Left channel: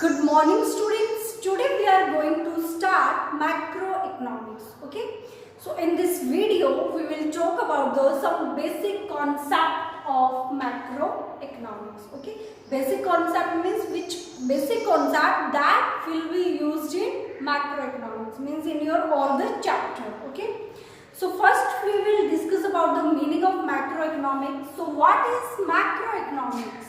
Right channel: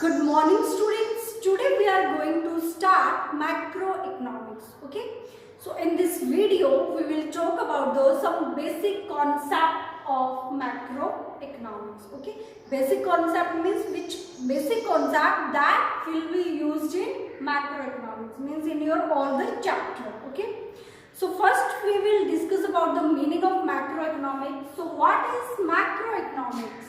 Good morning students. Today we are going to start macroeconomics. Okay. So in this video we will talk about some basic concept of macroeconomics. Okay. Basic concept means which basic concept that will be used in macroeconomics, means in your all the chapter. Okay. So first we will discuss about the meaning of macroeconomics. So what is macroeconomics?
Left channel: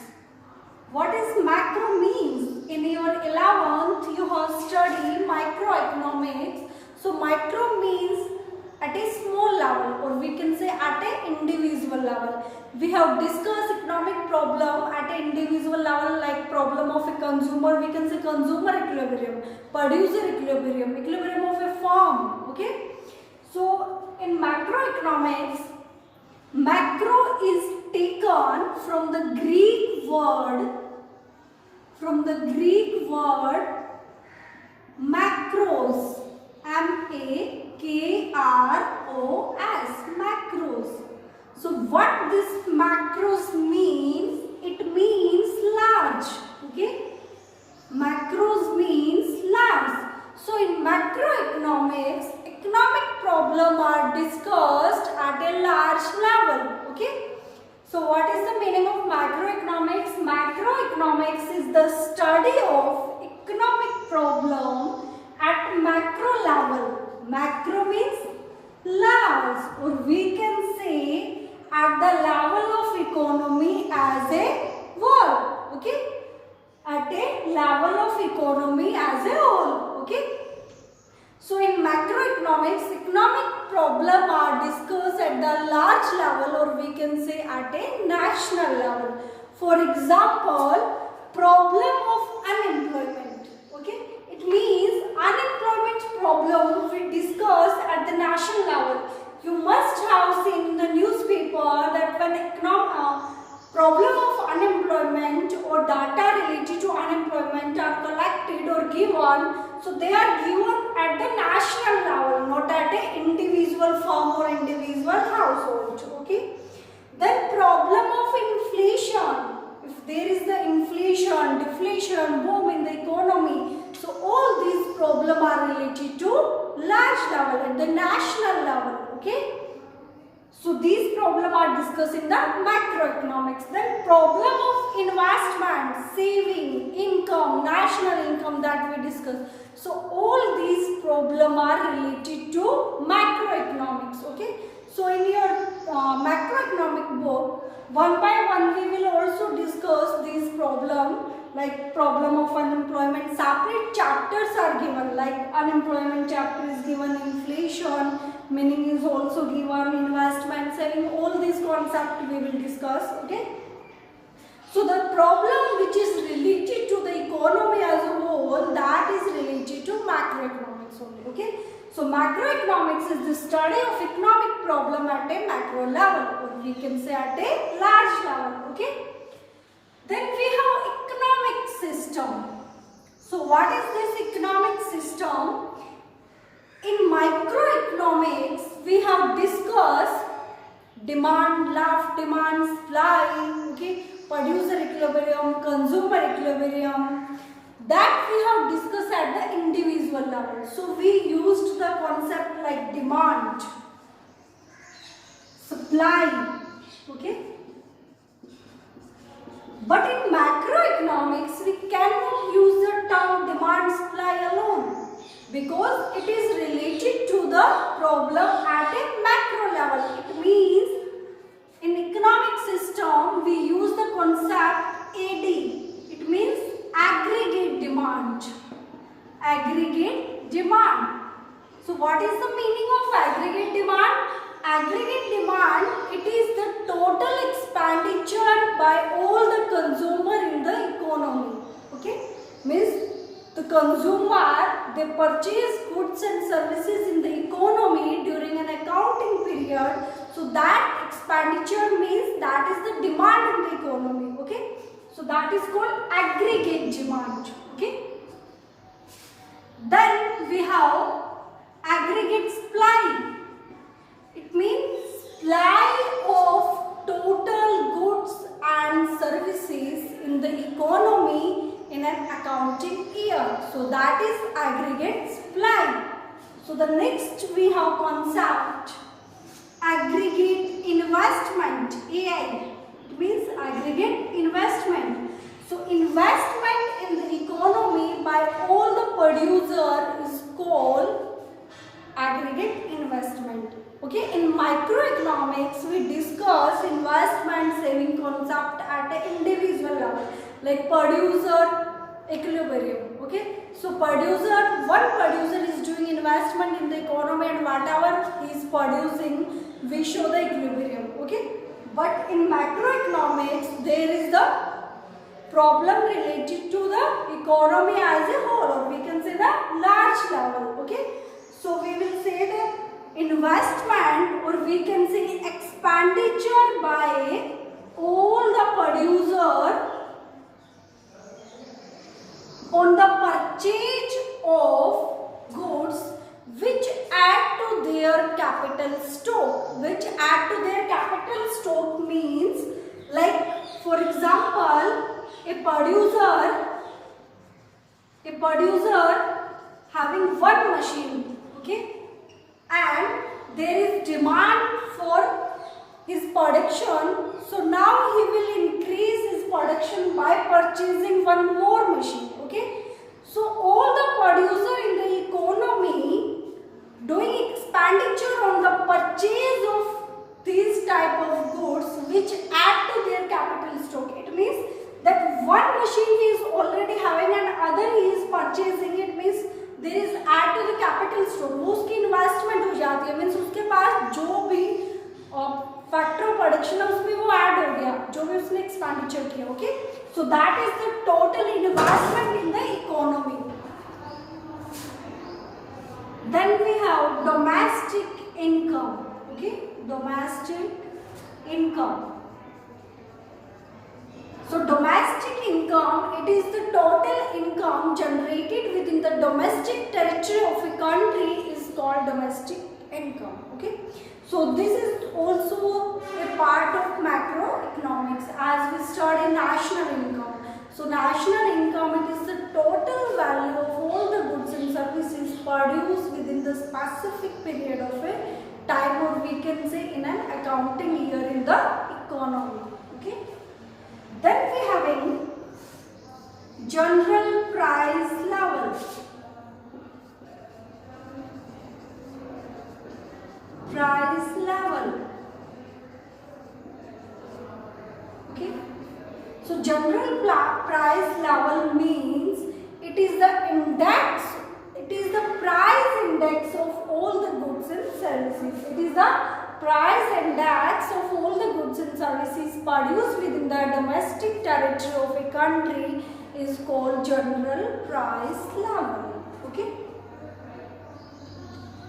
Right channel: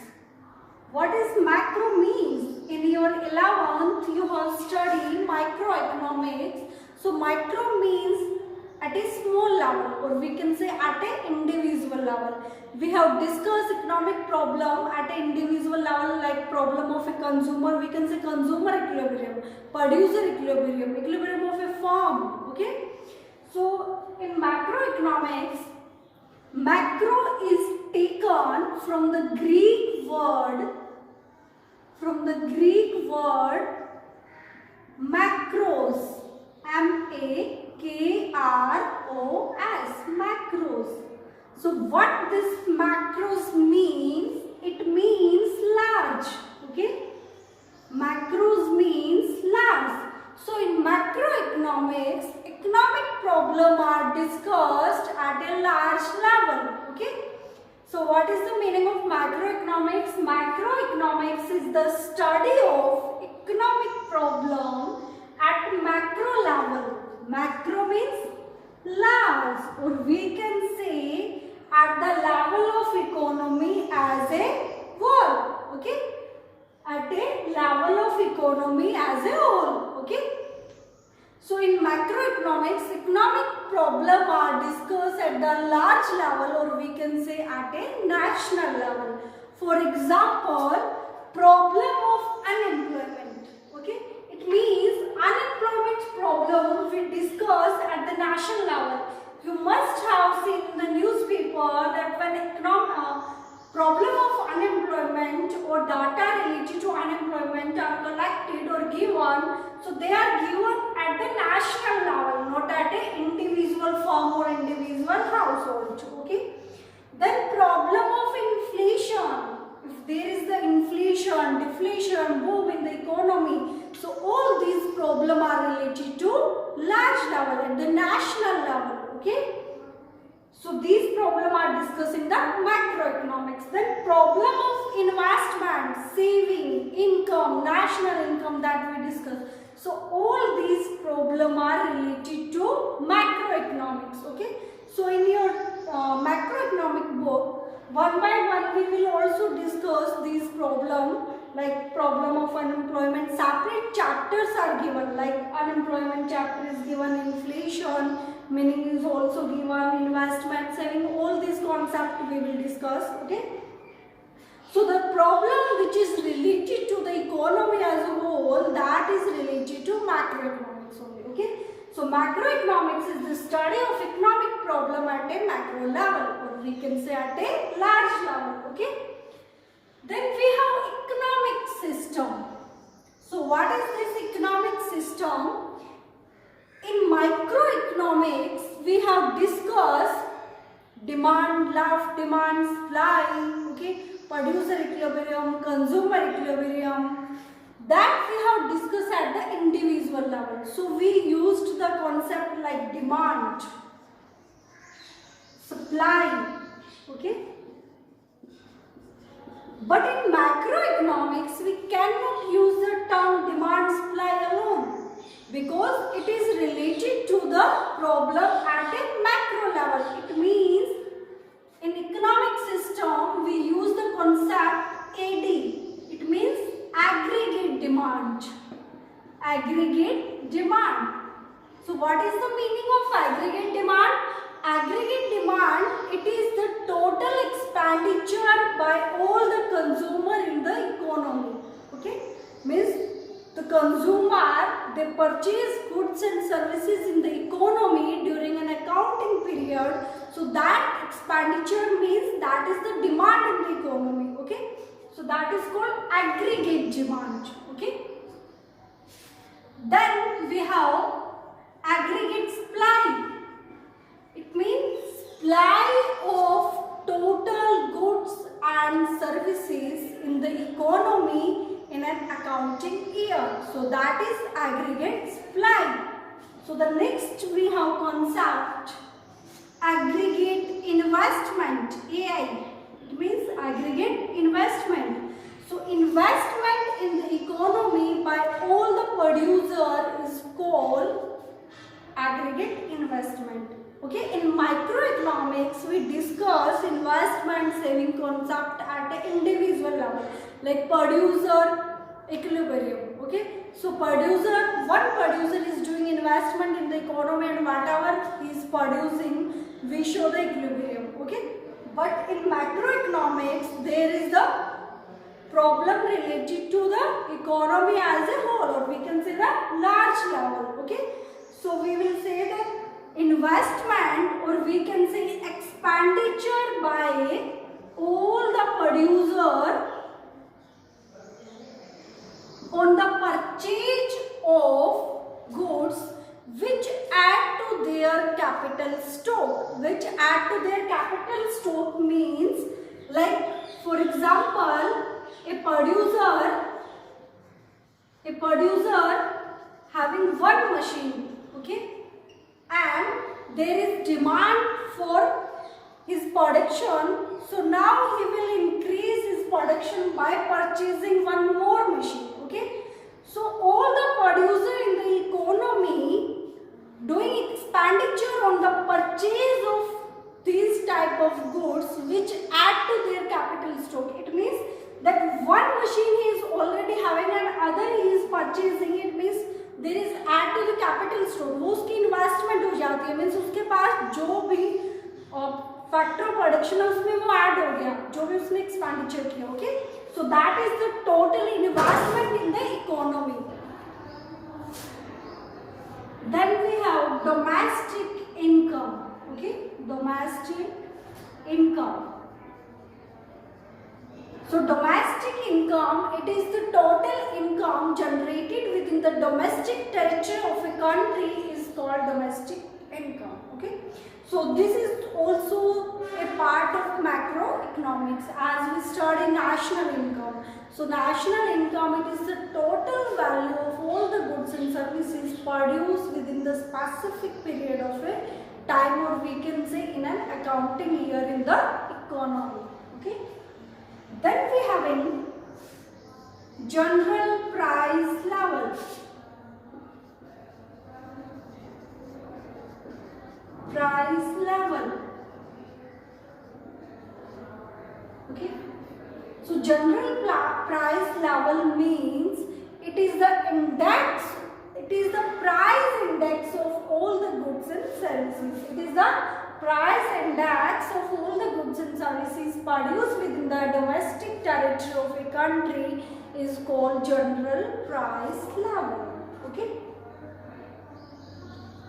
What is macro means? In your 11th you have studied microeconomics. So micro means at a small level, or we can say at an individual level. We have discussed economic problem at an individual level, like problem of a consumer, we can say consumer equilibrium, producer equilibrium, equilibrium of a firm. Okay. So in macroeconomics, macro is taken from the Greek word macros, M-A-K-R-O-S, macros. So what this macros means? It means large. Okay, macros means large. So in macroeconomics, economic problems are discussed at a large level. Okay. So what is the meaning of macroeconomics? Macroeconomics is the study of economic problem at macro level. Macro means large, or we can say at the level of economy as a whole. Okay, at a level of economy as a whole. Okay. So in macroeconomics, economic problems are discussed at the large level, or we can say at a national level. For example, problem of unemployment. Okay, it means unemployment problem we discuss at the national level. You must have seen in the newspaper that when problem of unemployment or data related to unemployment are collected or given, so they are given at the national level, not at an individual firm or individual household. Okay. Then problem of inflation. If there is the inflation, deflation, boom in the economy, so all these problems are related to large level at the national level. Okay. So these problems are discussed in the macroeconomics. Then problem of investment, saving, income, national income that we discussed. So all these problems are related to macroeconomics. Okay. So in your macroeconomic book, one by one we will also discuss these problems, like problem of unemployment. Separate chapters are given, like unemployment chapter is given, inflation meaning is also given, investment, saving, all these concepts we will discuss. Okay. So the problem which is related to the economy as a whole, that is related to macroeconomics only. Okay. So macroeconomics is the study of economic problem at a macro level, or we can say at a large level. Okay. Then we have economic system. So what is this economic system? In microeconomics, we have discussed demand, left, demand, supply, okay, producer equilibrium, consumer equilibrium, that we have discussed at the individual level. So we used the concept like demand, supply, okay. But in macroeconomics, we cannot use the term demand, supply alone, because it is related to the problem at a macro level. It means in economic system we use the concept AD. It means aggregate demand. Aggregate demand. So what is the meaning of aggregate demand? Aggregate demand, it is the total expenditure by all the consumer in the economy. Okay, means the consumer, they purchase goods and services in the economy during an accounting period. So that expenditure means that is the demand in the economy. Okay, so that is called aggregate demand. Okay. Then we have aggregate supply. It means supply of total goods and services in the economy in an accounting year. So that is aggregate supply. So the next we have concept aggregate investment, AI. It means aggregate investment. So investment in the economy by all the producer is called aggregate investment. Okay, in microeconomics we discuss investment saving concept at an individual level, like producer equilibrium. Okay, so one producer is doing investment in the economy and whatever he is producing, we show the equilibrium. Okay, but in macroeconomics there is the problem related to the economy as a whole, or we can say the large level. Okay, so we will say that investment, or we can say expenditure by all the producer on the purchase of goods which add to their capital stock. Which add to their capital stock means, like for example, a producer having one machine, okay, and there is demand for his production, so now he will increase his production by purchasing one more machine. Okay, so all the producer in the economy doing expenditure on the purchase of these type of goods which add to their capital stock. It means that one machine he is already having and other he is purchasing. It means there is add to the capital stock. वो उसकी investment हो जाती है, means उसके पास जो भी factor of production है उसमें वो ऐड हो गया, जो भी उसने एक्सपेंडिचर किया. Okay, so that is the total investment in the economy. Then we have domestic income. Okay, domestic income. So domestic income, it is the total income generated within the domestic territory of a country is called domestic income. Okay, so this is also a part of macroeconomics as we study national income. So national income, it is the total value of all the goods and services produced within the specific period of a time, or we can say in an accounting year in the economy. Okay, then we have in general price level. Price level. Okay, so general price level means it is the index, it is the price index of all the goods and services. It is the price index of all the goods and services produced within the domestic territory of a country is called general price level. Okay,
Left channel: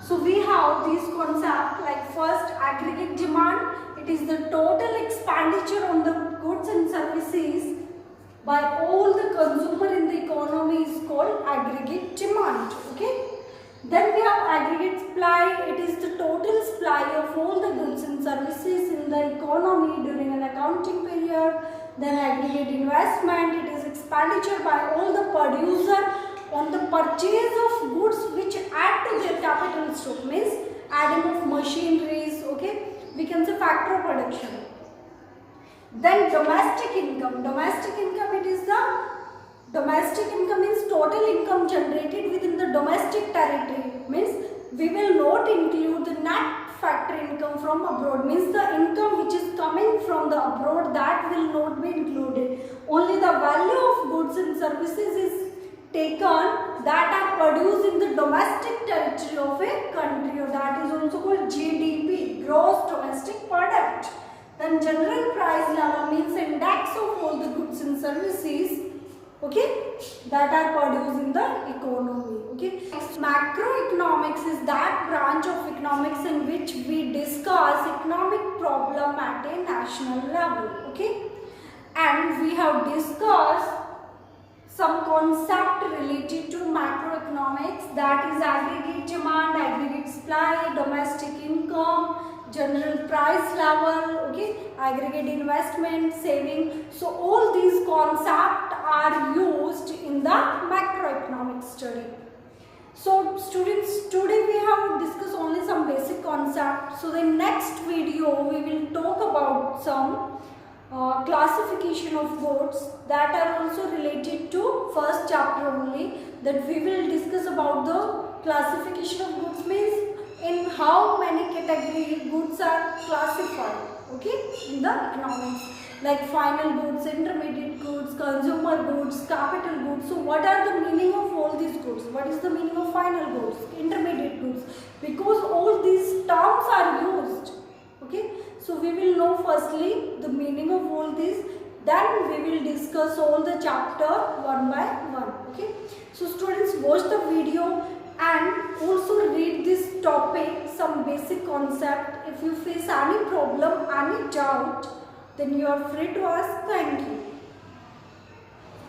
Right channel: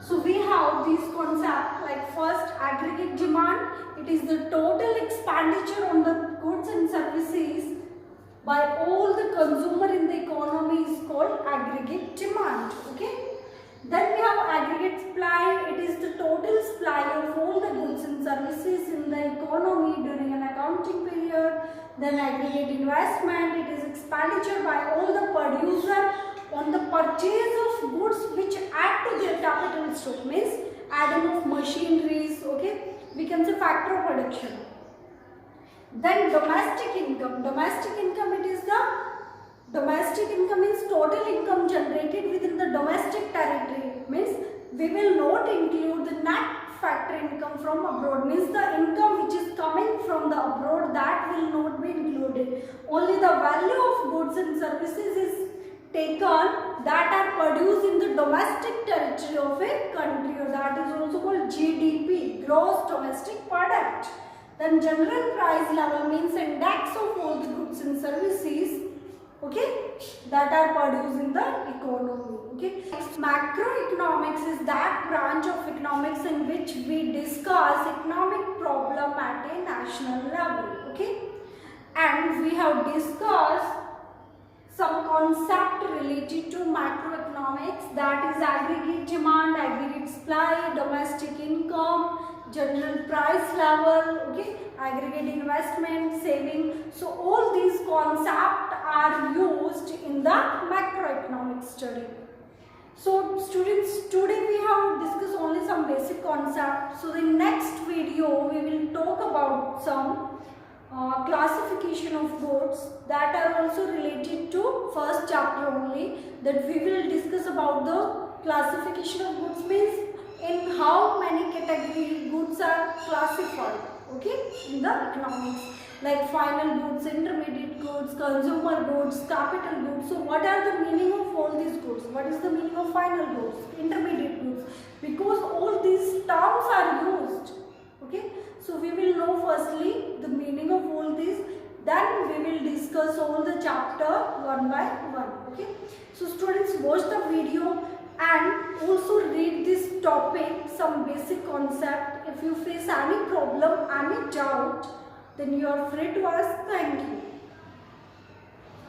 so we have these concepts, like first aggregate demand. It is the total expenditure on the goods and services by all the consumer in the economy is called aggregate demand. Okay, then we have aggregate supply. It is the total supply of all the goods and services in the economy during an accounting period. Then aggregate investment, it is expenditure by all the producer on the purchase of goods which add to their capital stock, means adding of machineries. Okay, we can say factor of production. Then domestic income. Domestic income, it is the domestic income means total income generated within the domestic territory, means we will not include the net factor income from abroad, means the income which is coming from the abroad, that will not be included. Only the value of goods and services is taken that are produced in the domestic territory of a country, or that is also called GDP, gross domestic product. Then general price level means index of all the goods and services, okay, that are produced in the economy. Okay, macroeconomics is that branch of economics in which we discuss economic problem at a national level. Okay, and we have discussed some concept related to macroeconomics, that is aggregate demand, aggregate supply, domestic income, general price level, okay, aggregate investment, saving. So all these concepts are used in the macroeconomic study. So students, today we have discussed only some basic concepts. So in next video we will talk about some classification of goods that are also related to first chapter only. That we will discuss about the classification of goods means in how many category goods are classified, okay, in the economics, like final goods, intermediate goods, consumer goods, capital goods. So what are the meaning of all these goods? What is the meaning of final goods, intermediate goods? Because all these terms are used, okay. So we will know firstly the meaning of all these, then we will discuss all the chapter one by one, okay. So students, watch the video and also read this topic, some basic concept. If you face any problem, any doubt, then you are free to ask. Thank you.